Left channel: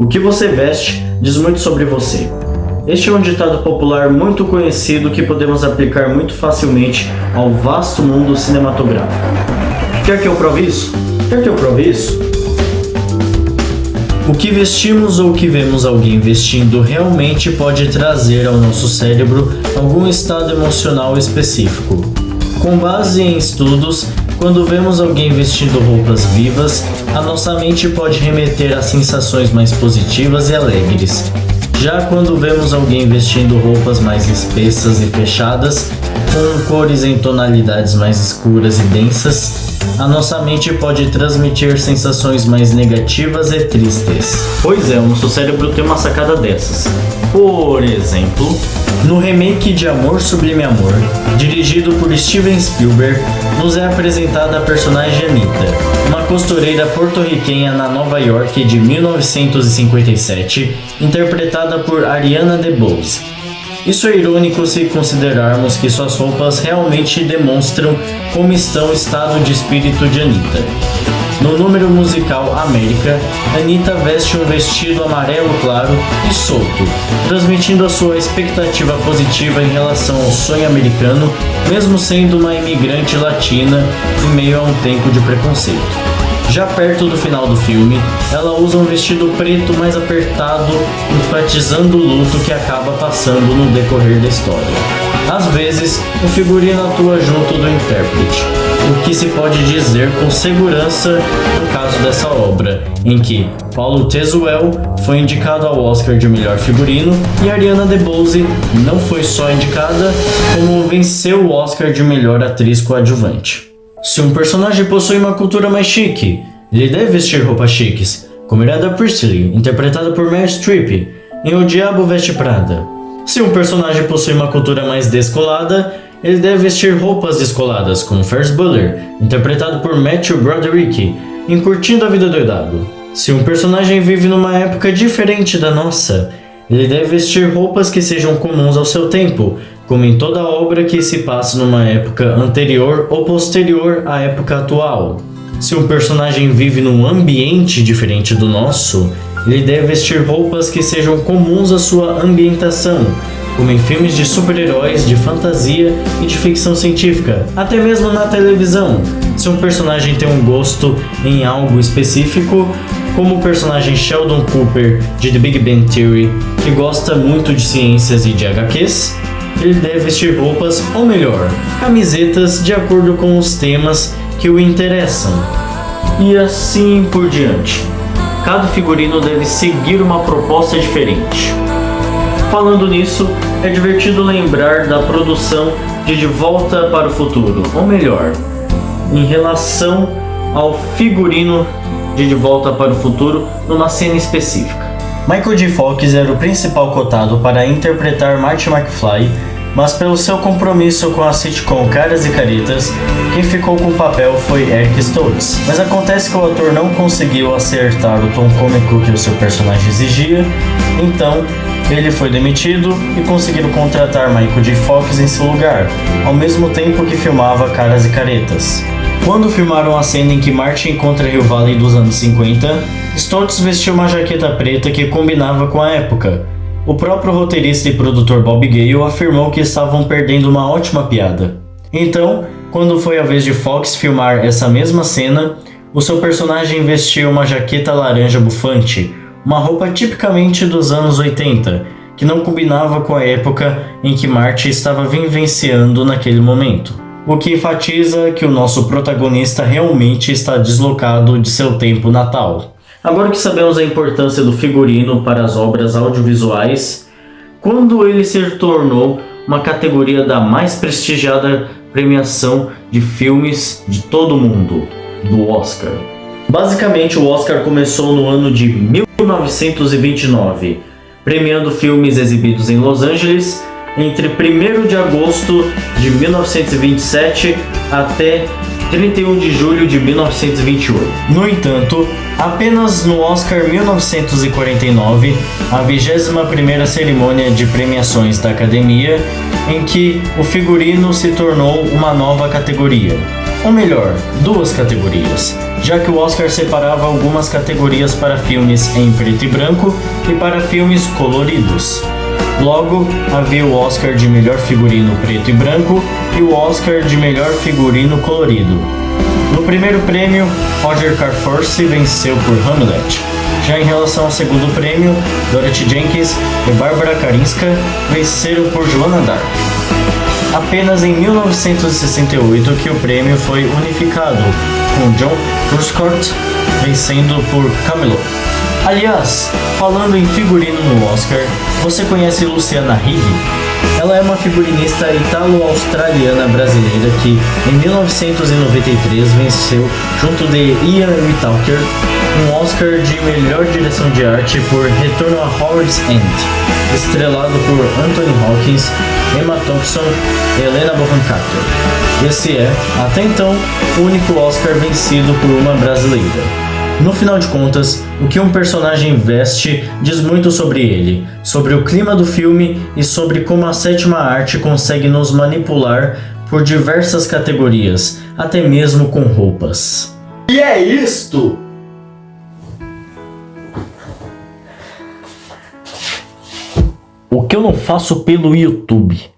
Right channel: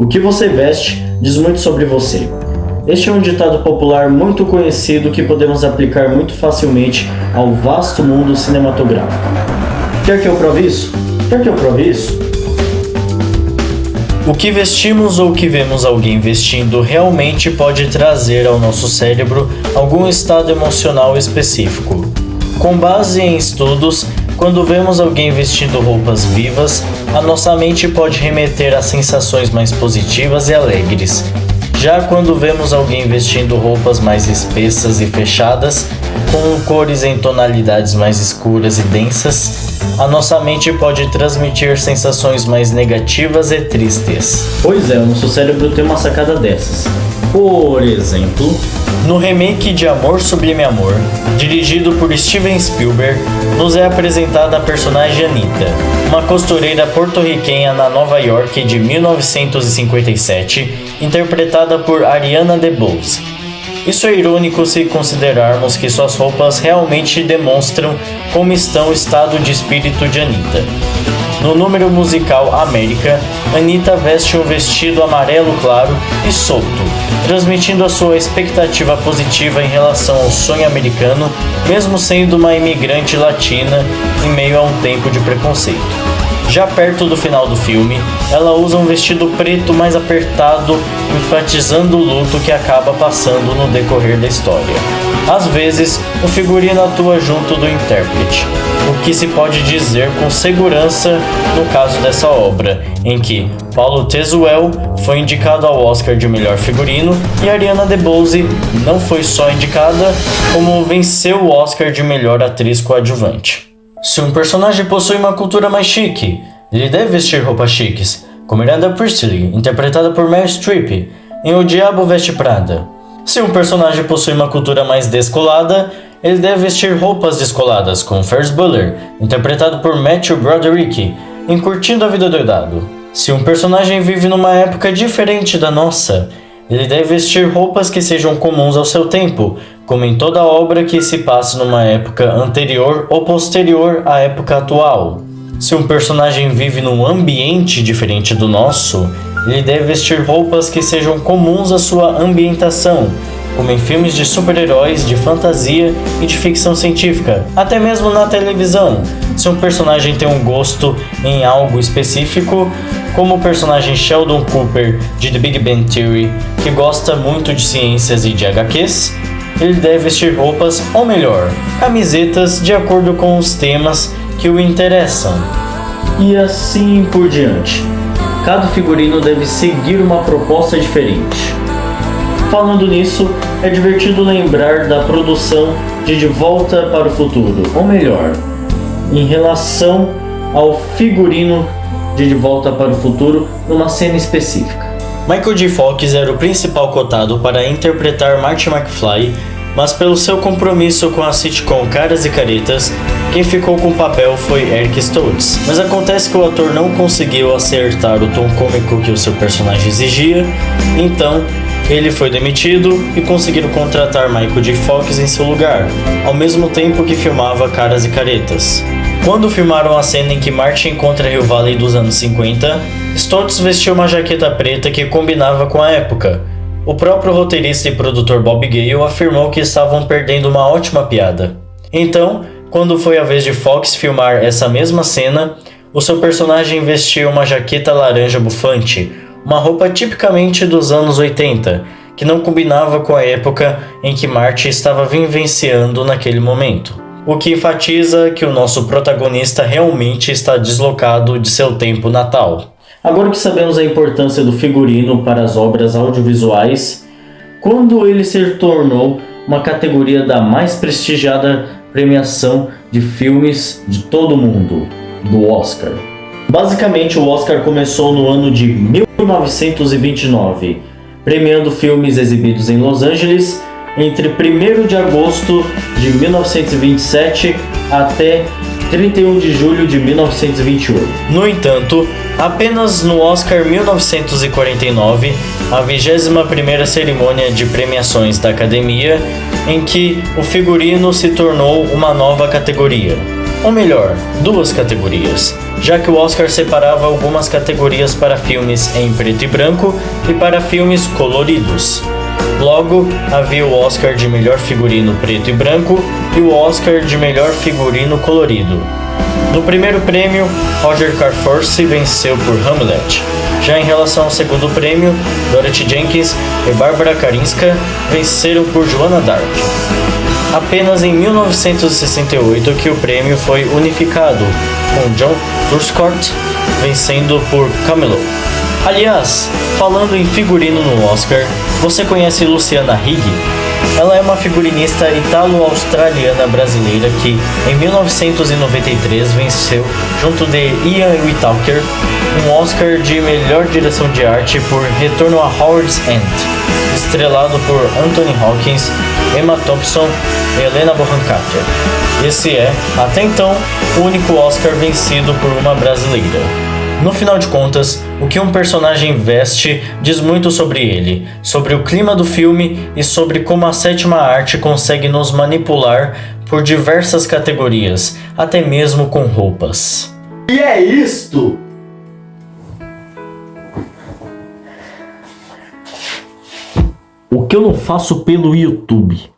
O que você veste diz muito sobre você. Este é um ditado popular muito conhecido que podemos aplicar muito facilmente ao vasto mundo cinematográfico. Quer que eu prove isso? Quer que eu prove isso? O que vestimos ou o que vemos alguém vestindo realmente pode trazer ao nosso cérebro algum estado emocional específico. Com base em estudos, quando vemos alguém vestindo roupas vivas, a nossa mente pode remeter a sensações mais positivas e alegres. Já quando vemos alguém vestindo roupas mais espessas e fechadas, com cores em tonalidades mais escuras e densas, a nossa mente pode transmitir sensações mais negativas e tristes. Pois é, o nosso cérebro tem uma sacada dessas. Por exemplo, no remake de Amor Sublime Amor, dirigido por Steven Spielberg, nos é apresentada a personagem Anita, uma costureira porto-riquenha na Nova York de 1957, interpretada por Ariana DeBose. Isso é irônico se considerarmos que suas roupas realmente demonstram como está o estado de espírito de Anita. No número musical América, Anita veste um vestido amarelo claro e solto, transmitindo a sua expectativa positiva em relação ao sonho americano, mesmo sendo uma imigrante latina em meio a um tempo de preconceito. Já perto do final do filme, ela usa um vestido preto mais apertado, enfatizando o luto que acaba passando no decorrer da história. Às vezes, o figurino atua junto do intérprete, o que se pode dizer com segurança no caso dessa obra, em que Paulo Tezuel foi indicado ao Oscar de melhor figurino e Ariana DeBose não foi só indicada, como venceu o Oscar de melhor atriz coadjuvante. Se um personagem possui uma cultura mais chique, ele deve vestir roupas chiques, como Miranda Priestly, interpretada por Meryl Streep, em O Diabo Veste Prada. Se um personagem possui uma cultura mais descolada, ele deve vestir roupas descoladas, como Ferris Bueller, interpretado por Matthew Broderick, em Curtindo a Vida Doidado. Se um personagem vive numa época diferente da nossa, ele deve vestir roupas que sejam comuns ao seu tempo, como em toda obra que se passe numa época anterior ou posterior à época atual. Se um personagem vive num ambiente diferente do nosso, ele deve vestir roupas que sejam comuns à sua ambientação, como em filmes de super-heróis, de fantasia e de ficção científica, até mesmo na televisão. Se um personagem tem um gosto em algo específico, como o personagem Sheldon Cooper de The Big Bang Theory, que gosta muito de ciências e de HQs, ele deve vestir roupas, ou melhor, camisetas de acordo com os temas que o interessam. E assim por diante. Cada figurino deve seguir uma proposta diferente. Falando nisso, é divertido lembrar da produção de Volta para o Futuro, ou melhor, em relação ao figurino de Volta para o Futuro numa cena específica. Michael J. Fox era o principal cotado para interpretar Marty McFly, mas pelo seu compromisso com a sitcom Caras e Caretas, quem ficou com o papel foi Eric Stoltz. Mas acontece que o ator não conseguiu acertar o tom cômico que o seu personagem exigia, então ele foi demitido e conseguiram contratar Michael J. Fox em seu lugar, ao mesmo tempo que filmava Caras e Caretas. Quando filmaram a cena em que Marty encontra Hill Valley dos anos 50, Stoltz vestiu uma jaqueta preta que combinava com a época. O próprio roteirista e produtor Bob Gale afirmou que estavam perdendo uma ótima piada. Então, quando foi a vez de Fox filmar essa mesma cena, o seu personagem vestiu uma jaqueta laranja bufante, uma roupa tipicamente dos anos 80, que não combinava com a época em que Marty estava vivenciando naquele momento. O que enfatiza que o nosso protagonista realmente está deslocado de seu tempo natal. Agora que sabemos a importância do figurino para as obras audiovisuais, quando ele se tornou uma categoria da mais prestigiada premiação de filmes de todo o mundo, do Oscar. Basicamente, o Oscar começou no ano de 1929, premiando filmes exibidos em Los Angeles entre 1º de agosto de 1927 até 31 de julho de 1928. No entanto, apenas no Oscar 1949, a 21ª cerimônia de premiações da Academia, em que o figurino se tornou uma nova categoria. Ou melhor, duas categorias, já que o Oscar separava algumas categorias para filmes em preto e branco e para filmes coloridos. Logo, havia o Oscar de melhor figurino preto e branco e o Oscar de melhor figurino colorido. No primeiro prêmio, Roger Carforce venceu por Hamlet. Já em relação ao segundo prêmio, Dorothy Jenkins e Barbara Karinska venceram por Joanna Dark. Apenas em 1968 que o prêmio foi unificado, com John Huscott vencendo por Camelot. Aliás, falando em figurino no Oscar, você conhece Luciana Higg? Ela é uma figurinista italo-australiana brasileira que, em 1993, venceu, junto de Ian Whitaker, um Oscar de melhor direção de arte por Retorno a Howard's End, estrelado por Anthony Hopkins, Emma Thompson e Helena Bonham Carter. Esse é, até então, o único Oscar vencido por uma brasileira. No final de contas, o que um personagem veste diz muito sobre ele, sobre o clima do filme e sobre como a sétima arte consegue nos manipular por diversas categorias, até mesmo com roupas. E é isto! O que eu não faço pelo YouTube?